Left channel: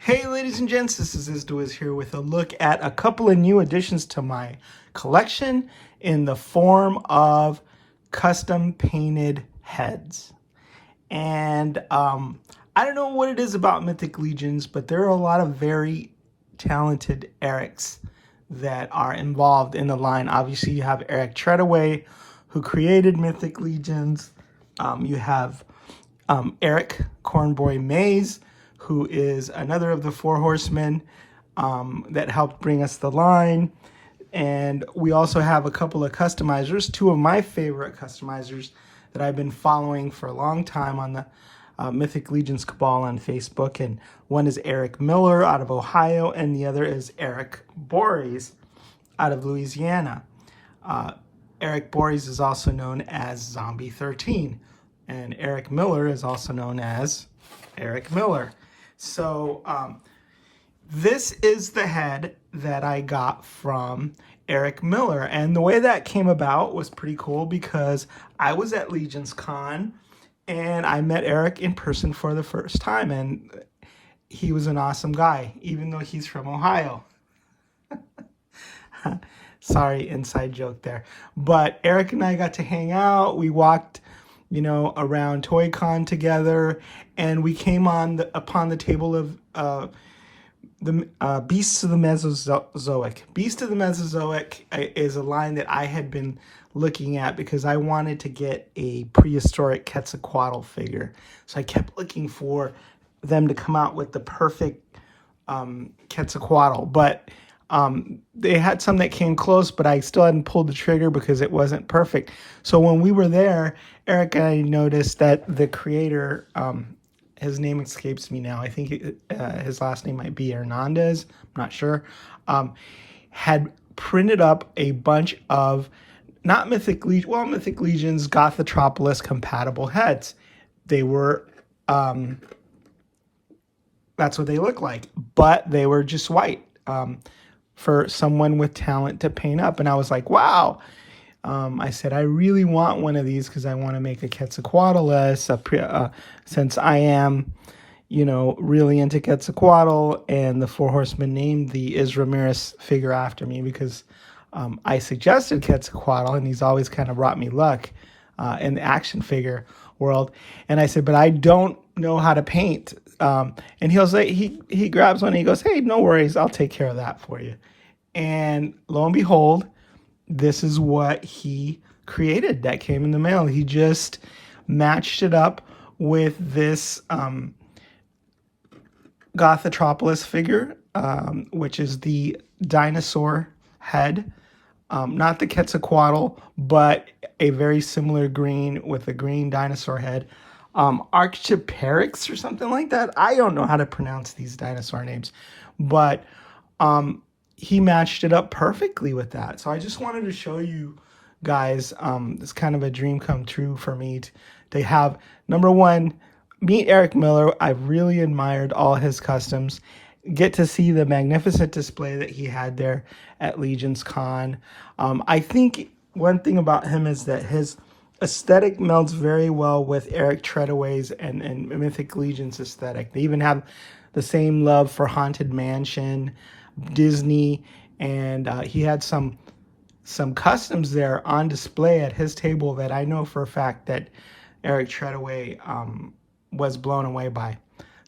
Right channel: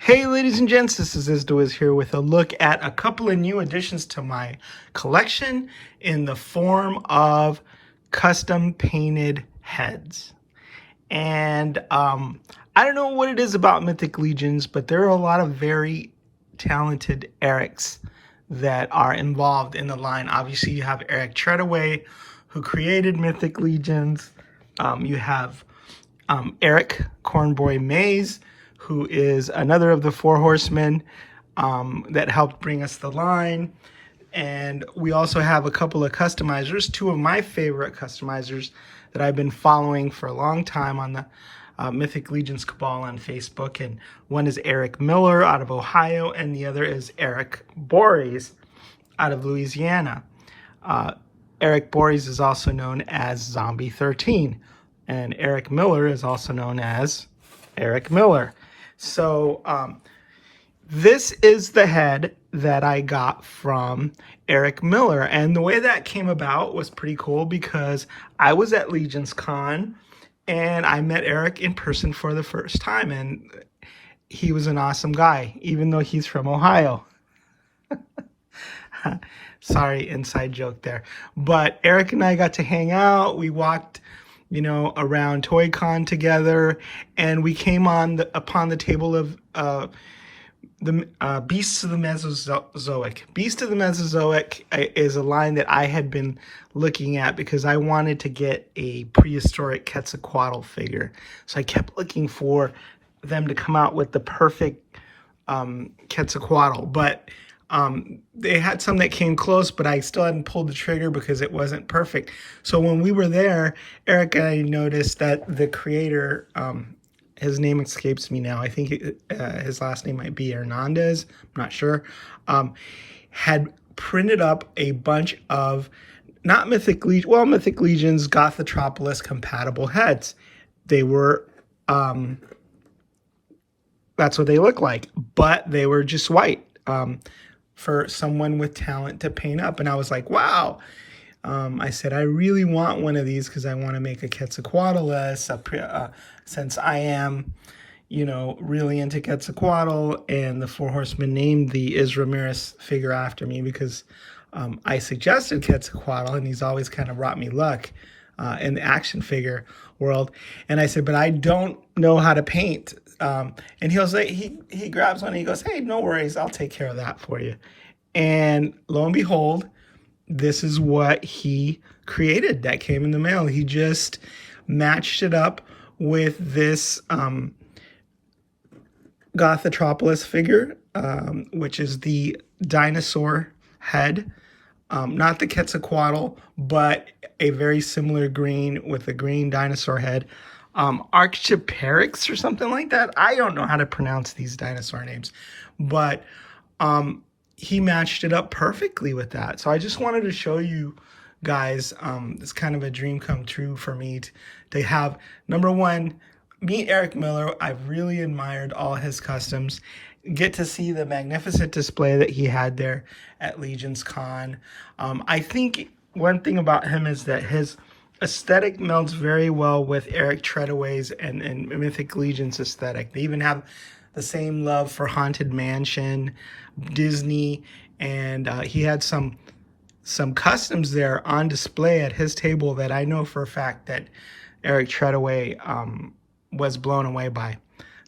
Hey ladies and gents, this is Isdoiz here with a look at a couple of new additions to my collection in the form of custom painted heads. And I don't know what it is about Mythic Legions, but there are a lot of very talented Erics that are involved in the line. Obviously, you have Eric Treadaway, who created Mythic Legions. You have Eric Cornboy Mays, who is another of the Four Horsemen that helped bring us the line. And we also have a couple of customizers, two of my favorite customizers that I've been following for a long time on the Mythic Legions Cabal on Facebook. And one is Eric Miller out of Ohio, and the other is Eric Borries out of Louisiana. Eric Borries is also known as Zombie 13, and Eric Miller is also known as Eric Miller. So this is the head that I got from Eric Miller. And the way that came about was pretty cool because I was at Legions Con and I met Eric in person for the first time. And he was an awesome guy, even though he's from Ohio. Sorry, inside joke there. But Eric and I got to hang out. We walked around Toy Con together, and we came upon the table of the Beasts of the Mesozoic. Beast of the Mesozoic is a line that I had been looking at because I wanted to get a prehistoric Quetzalcoatl figure. So I kept looking for them to come out with the perfect Quetzalcoatl, but they had some that came close, but I still hadn't pulled the trigger because it wasn't perfect. So when we were there, Eric and I noticed that the creator, his name escapes me now. I think his last name might be Hernandez. I'm not sure. Had printed up a bunch of not Mythic Legion, well, Mythic Legion's Gothitropolis compatible heads. They were, that's what they look like, but they were just white. For someone with talent to paint up. And I was like, wow. I said, I really want one of these because I want to make a Quetzalcoatl since I am, really into Quetzalcoatl, and the Four Horsemen named the Is Ramirez figure after me because I suggested Quetzalcoatl, and he's always kind of brought me luck in the action figure world. And I said, but I don't know how to paint. And he'll say, he grabs one and he goes, hey, no worries, I'll take care of that for you. And lo and behold, this is what he created that came in the mail. He just matched it up with this Gothitropolis figure, which is the dinosaur head. Not the Quetzalcoatl, but a very similar green with a green dinosaur head. Arctoperix or something like that. I don't know how to pronounce these dinosaur names, but he matched it up perfectly with that. So I just wanted to show you guys, it's kind of a dream come true for me to have, number one, meet Eric Miller. I've really admired all his customs. Get to see the magnificent display that he had there at Legions Con. I think one thing about him is that his aesthetic melds very well with Eric Treadaway's and Mythic Legion's aesthetic. They even have the same love for Haunted Mansion, Disney, and he had some customs there on display at his table that I know for a fact that Eric Treadaway was blown away by.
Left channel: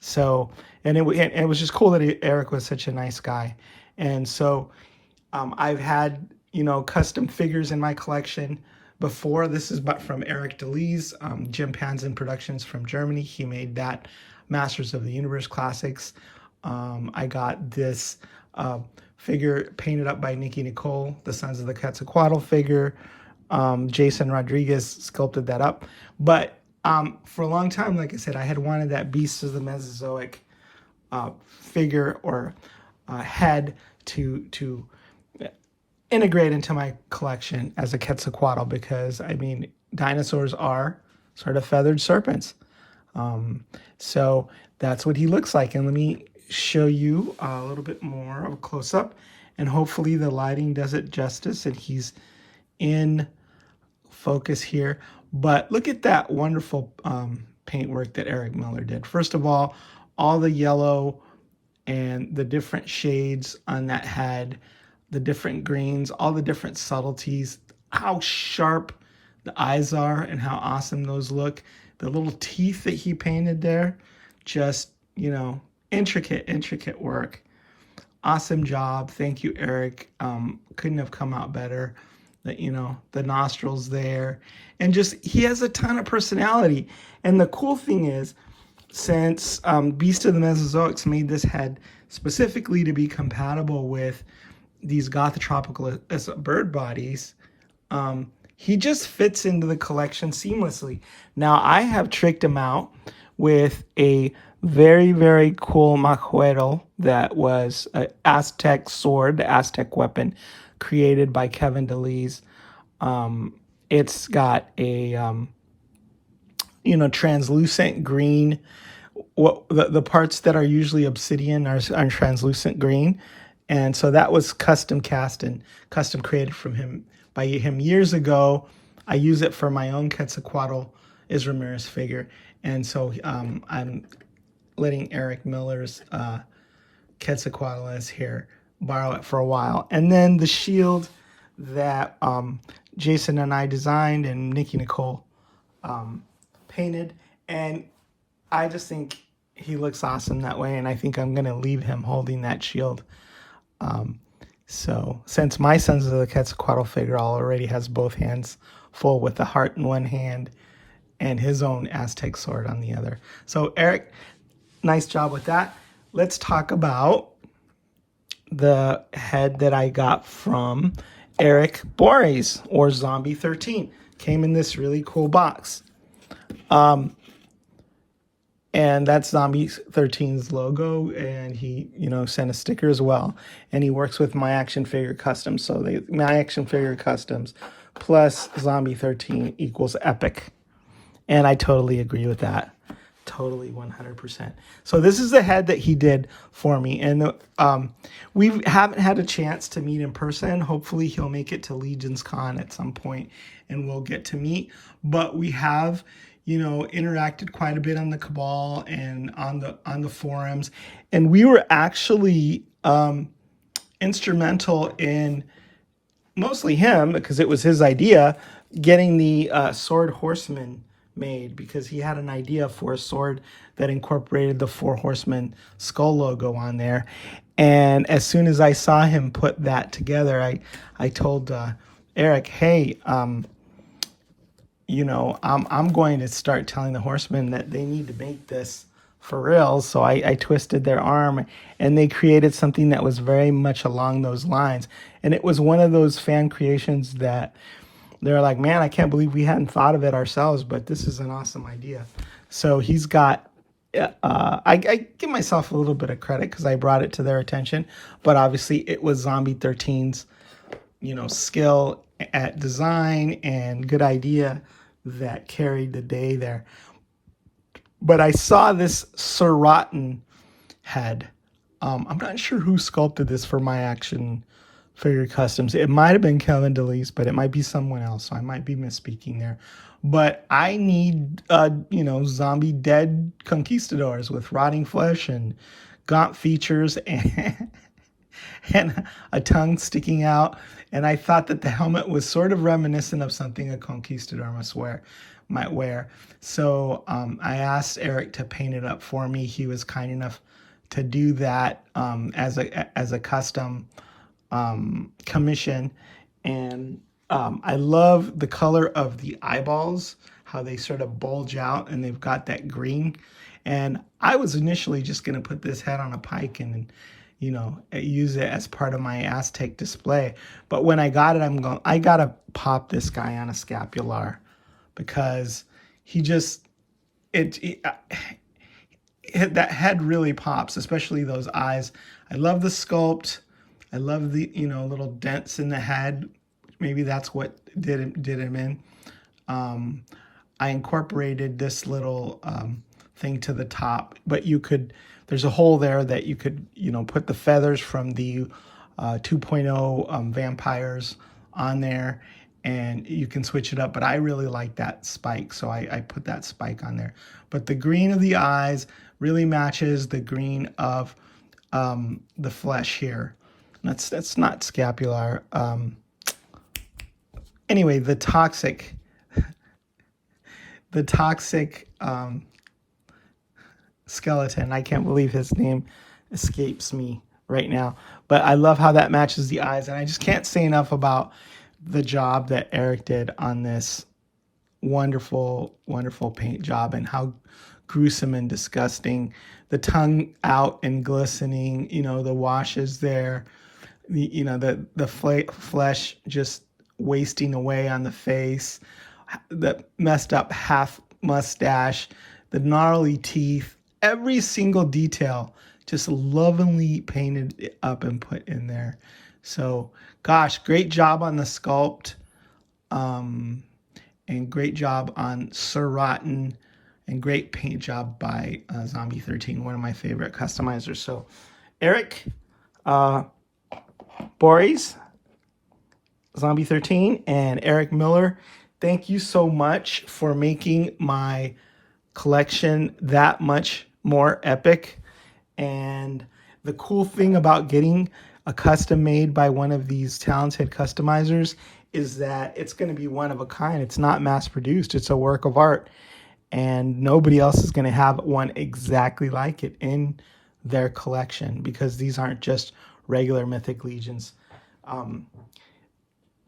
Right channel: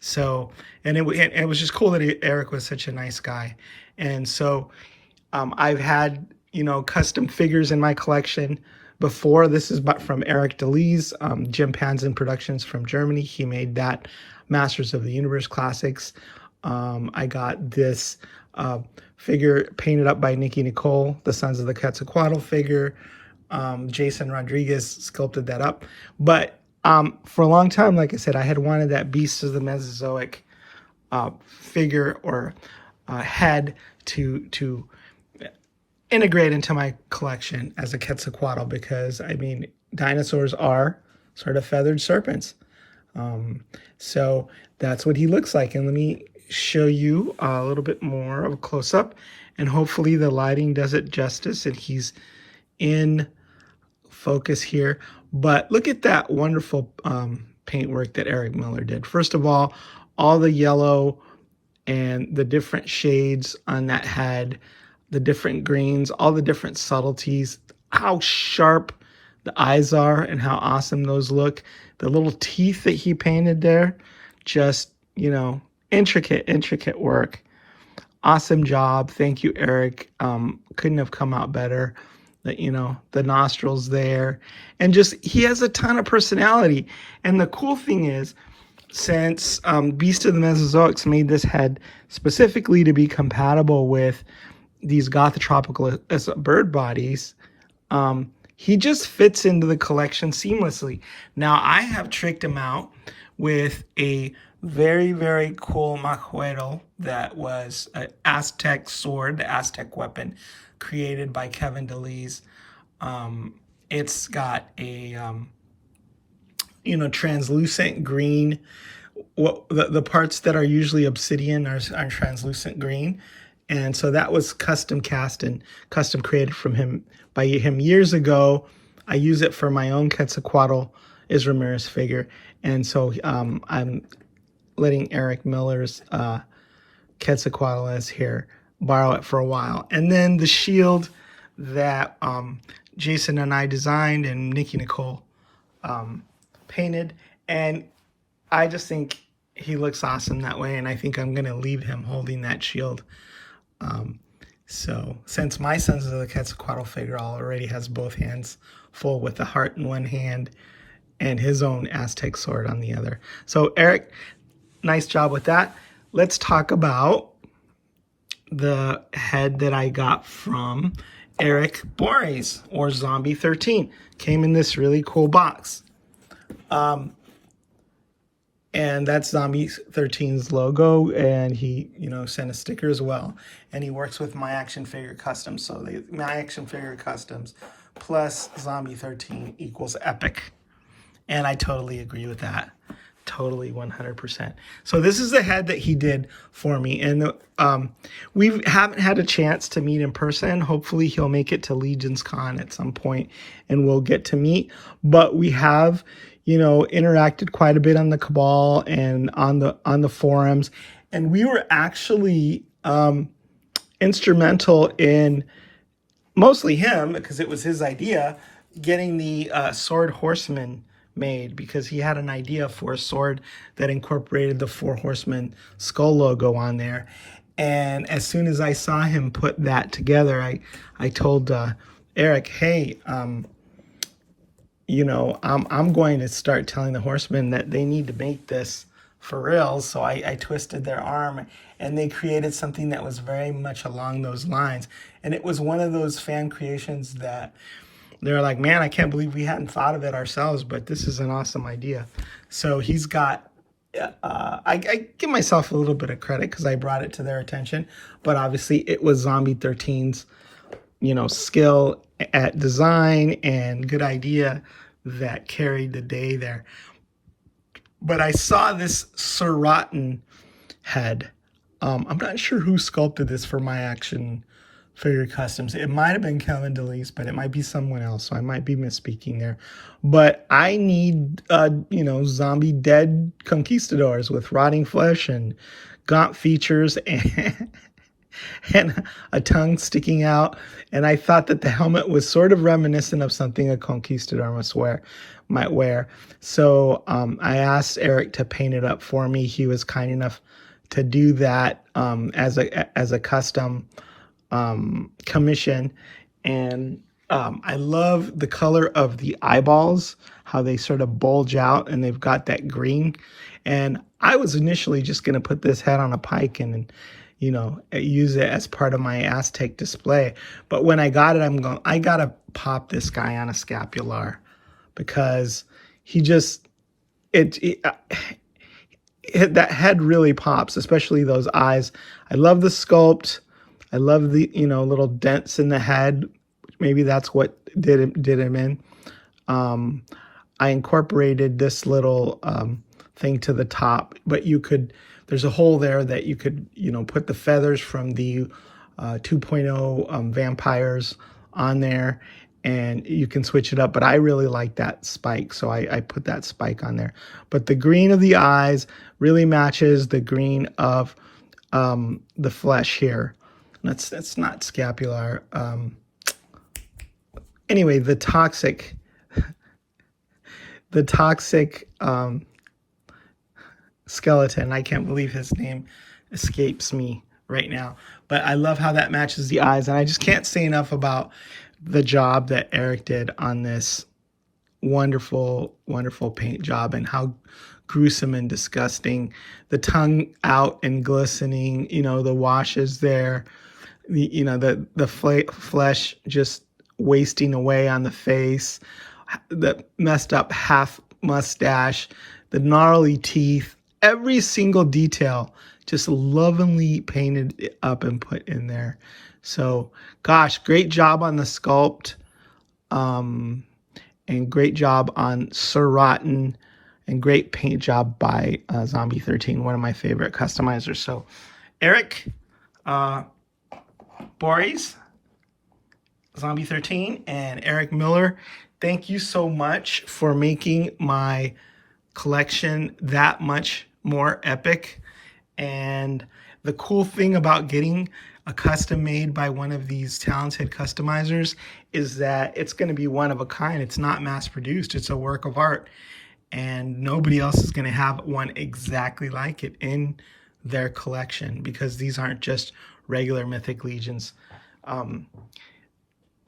So, and it was just cool that Eric was such a nice guy. And so I've had, custom figures in my collection before. This is from Eric Delies, Jim Panzin Productions from Germany. He made that Masters of the Universe Classics. I got this figure painted up by Nikki Nicole, the Sons of the Quetzalcoatl figure. Jason Rodriguez sculpted that up. But for a long time, like I said, I had wanted that Beast of the Mesozoic figure or head to integrate into my collection as a Quetzalcoatl because, I mean, dinosaurs are sort of feathered serpents. So that's what he looks like. And let me show you a little bit more of a close-up, and hopefully the lighting does it justice and he's in focus here. But look at that wonderful paintwork that Eric Miller did. First of all the yellow and the different shades on that head, the different greens, all the different subtleties, how sharp the eyes are and how awesome those look. The little teeth that he painted there, just, you know, intricate work. Awesome job. Thank you, Eric. Couldn't have come out better. You know, the nostrils there. And just, he has a ton of personality. And the cool thing is, since Beast of the Mesozoics made this head specifically to be compatible with these Gothitropolis bird bodies, he just fits into the collection seamlessly. Now, I have tricked him out with a very, very cool majuelo that was an Aztec sword, the Aztec weapon created by Kevin Delies. It's got a, you know, translucent green. The parts that are usually obsidian are translucent green. And so that was custom cast and custom created by him years ago. I use it for my own Quetzalcoatl Ramirez figure. And so I'm letting Eric Miller's Quetzalcoatl here borrow it for a while. And then the shield that Jason and I designed and Nikki Nicole painted. And I just think he looks awesome that way. And I think I'm going to leave him holding that shield. So since my Sons of the Quetzalcoatl figure already has both hands full with the heart in one hand and his own Aztec sword on the other. So Eric, nice job with that. Let's talk about the head that I got from Eric Borries, or Zombie 13. Came in this really cool box. And that's Zombie 13's logo, and he, you know, sent a sticker as well. And he works with My Action Figure Customs. So My Action Figure Customs plus Zombie 13 equals epic. And I totally agree with that. Totally 100%. So this is the head that he did for me. And we haven't had a chance to meet in person. Hopefully he'll make it to Legion's Con at some point and we'll get to meet. But we have, you know, interacted quite a bit on the Cabal and on the forums. And we were actually instrumental in, mostly him, because it was his idea, getting the Sword Horseman made, because he had an idea for a sword that incorporated the Four Horsemen skull logo on there. And as soon as I saw him put that together, I told Eric, hey, you know, I'm going to start telling the Horsemen that they need to make this for real. So I twisted their arm and they created something that was very much along those lines. And it was one of those fan creations that they're like, man, I can't believe we hadn't thought of it ourselves, but this is an awesome idea. So he's got, I give myself a little bit of credit because I brought it to their attention, but obviously it was Zombie 13's, you know, skill at design and good idea that carried the day there. But I saw this Sir Rotten head. I'm not sure who sculpted this for My Action Figure Customs. It might have been Kevin Delies, but it might be someone else. So I might be misspeaking there. But I need, you know, zombie dead conquistadors with rotting flesh and gaunt features and, and a tongue sticking out. And I thought that the helmet was sort of reminiscent of something a conquistador might wear. So I asked Eric to paint it up for me. He was kind enough to do that as a custom commission. And I love the color of the eyeballs, how they sort of bulge out and they've got that green. And I was initially just going to put this head on a pike and, you know, use it as part of my Aztec display. But when I got it, I got to pop this guy on a scapular because he just, that head really pops, especially those eyes. I love the sculpt. I love the, you know, little dents in the head. Maybe that's what did him in. I incorporated this little thing to the top, but you could, there's a hole there that you could, you know, put the feathers from the 2.0 vampires on there and you can switch it up. But I really like that spike, so I put that spike on there. But the green of the eyes really matches the green of the flesh here. That's not scapular. Anyway, the toxic skeleton. I can't believe his name escapes me right now. But I love how that matches the eyes. And I just can't say enough about the job that Eric did on this wonderful, wonderful paint job, and how gruesome and disgusting. The tongue out and glistening, the washes there, the flesh just wasting away on the face, the messed up half mustache, the gnarly teeth, every single detail just lovingly painted up and put in there. So, gosh, great job on the sculpt, and great job on Sir Rotten, and great paint job by Zombie 13, one of my favorite customizers. So, Eric Borries, Zombie 13, and Eric Miller, thank you so much for making my collection that much more epic. And the cool thing about getting a custom made by one of these talented customizers is that it's going to be one of a kind. It's not mass produced. It's a work of art, and nobody else is going to have one exactly like it in their collection, because these aren't just regular Mythic Legions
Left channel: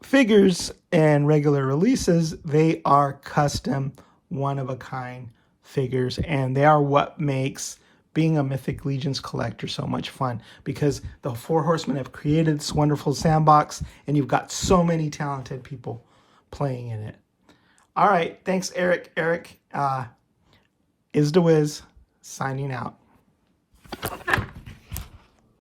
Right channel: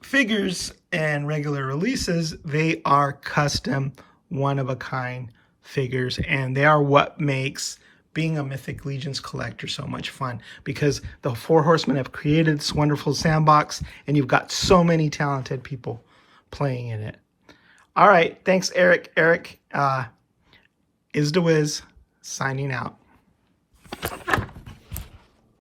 figures and regular releases. They are custom, one of a kind figures, and they are what makes being a Mythic Legions collector so much fun, because the Four Horsemen have created this wonderful sandbox, and you've got so many talented people playing in it. All right, thanks, Eric. Eric is the Wiz, signing out.